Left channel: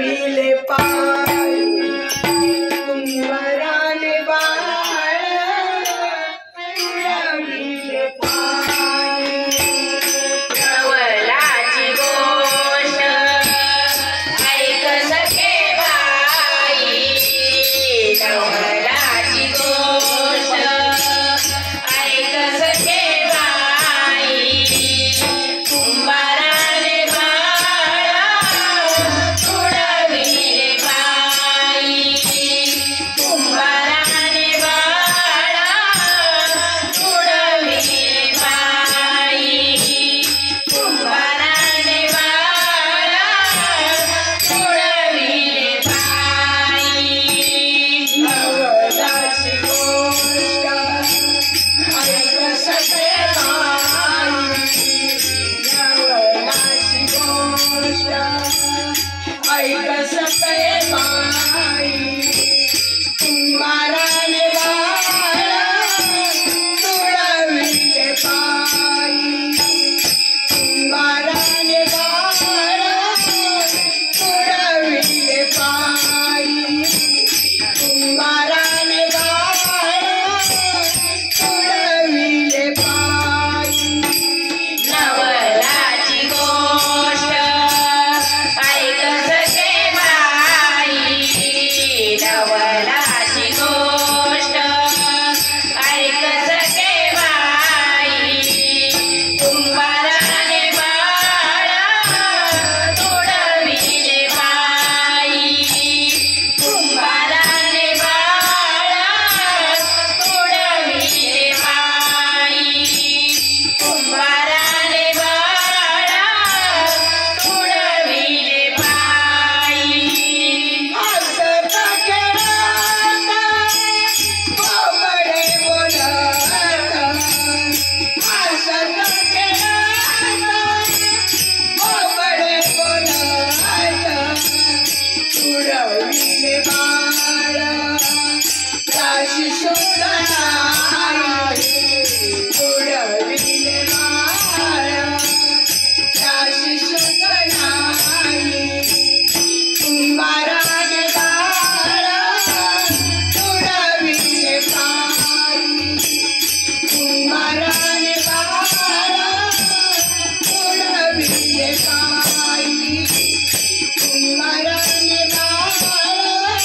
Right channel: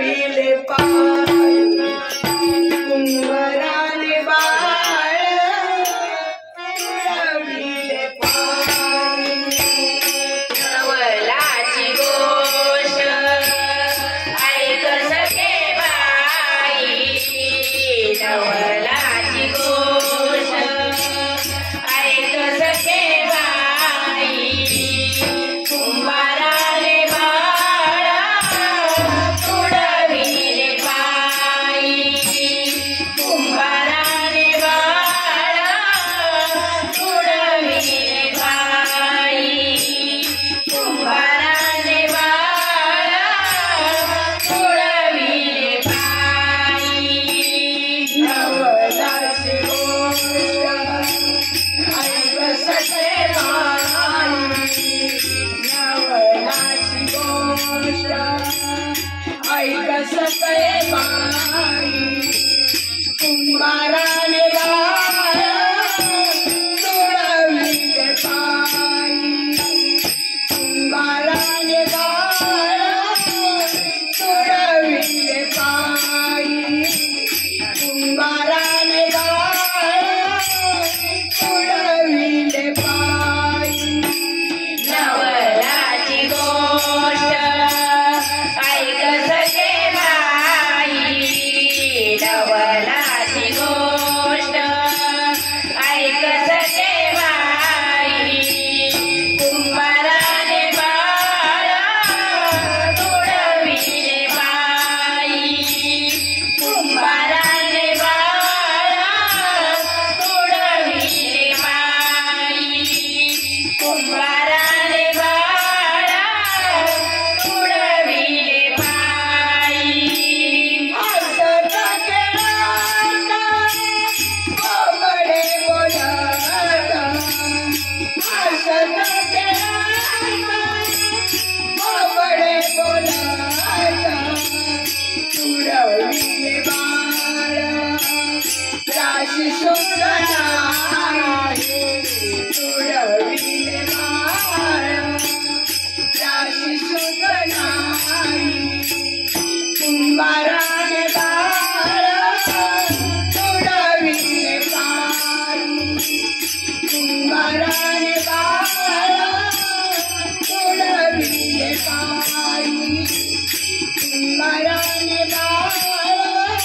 तुडविले पाय कुंभाराने बाळ तुडविले पाय नवलाची गोष्ट ऐक सखे बाई नवलाची गोष्ट ऐक सखे बाई कुंभाराने बाळा तुडविले पायी कुंभाराने बाळा तुडविले पायी कुंभाराने बाळा तुडविले पायी नवलाची गोष्ट ऐक सखे बाई नवलाची गोष्ट ऐक सखे बाई कुंभाराने बाळ तुडविले पायी कुंभाराने बाळ तुडविले पायी कुंभाराने बाळ तुडविले पायी नवलाची गोष्ट ऐक सखे बाई नवलाची गोष्ट ऐक सखे बाई कुंभाराने बाळा तुडविले पायी कुंभाराने बाळा तुडविले पायी कुंभाराने बाळा तुडविले पायी हसत खेळत बोबडे बोलत हसत खेळत बोबडे बोलत तुडविले बाळ त्याशी शोधना तुडविले बाळ त्याशी शोधना कुंभाराने बाळ तुडविले पायी कुंभाराने बाळ तुडविले पायी कुंभाराने बाळ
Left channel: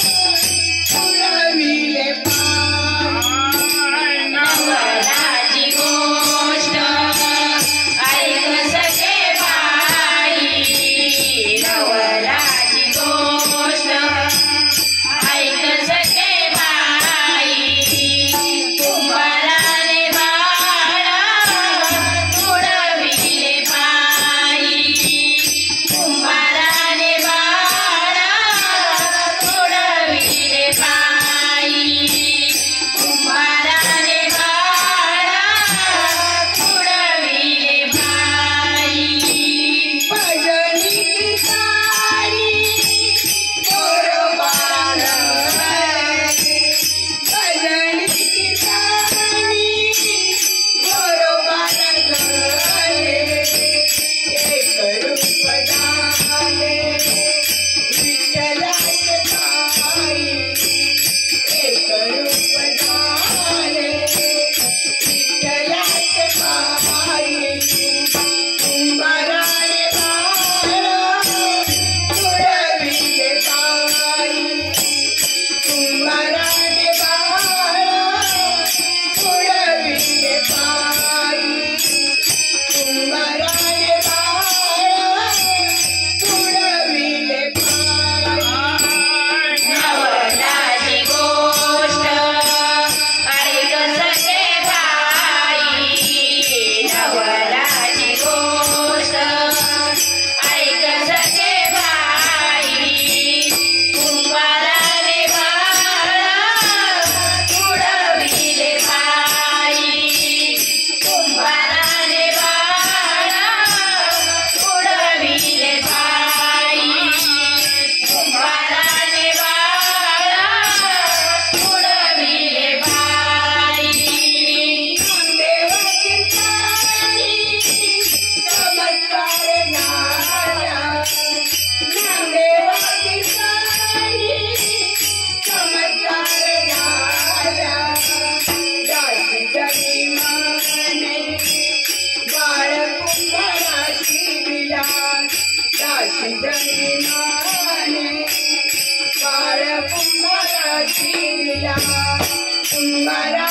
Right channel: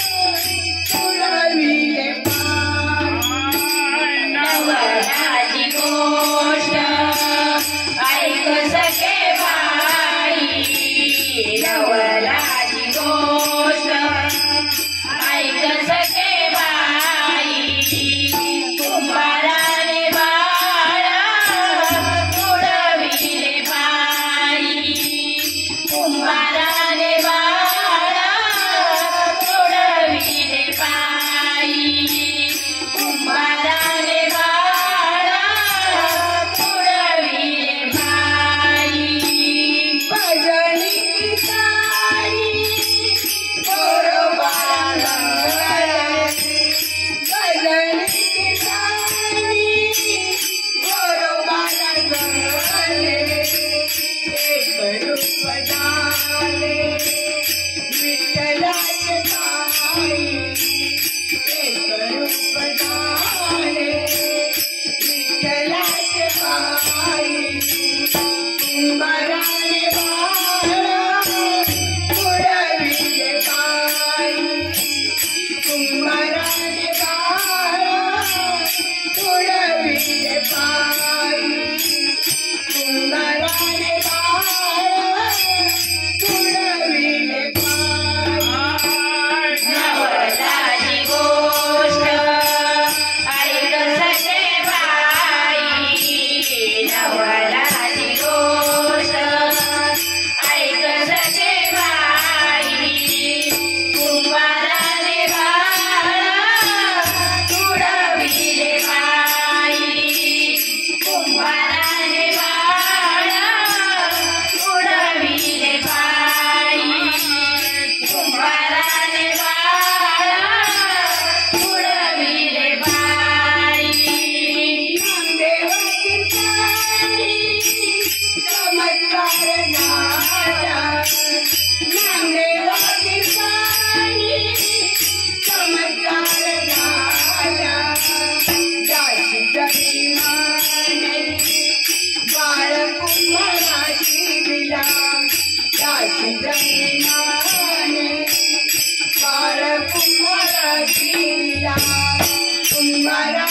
तुडविले पायी नवलाची गोष्ट ऐक सखे बाई नवलाची गोष्ट ऐक सखे बाई कुंभाराने बाळा तुडविले पायी कुंभाराने बाळा तुडविले पायी कुंभाराने बाळा तुडविले पायी भजनी कीर्तनी गोरोबाला भजनी कीर्तनी गोरोबाला गले एक रूप झाले अशी जन्माने बाळ कुंभाराची लीला कुंभारा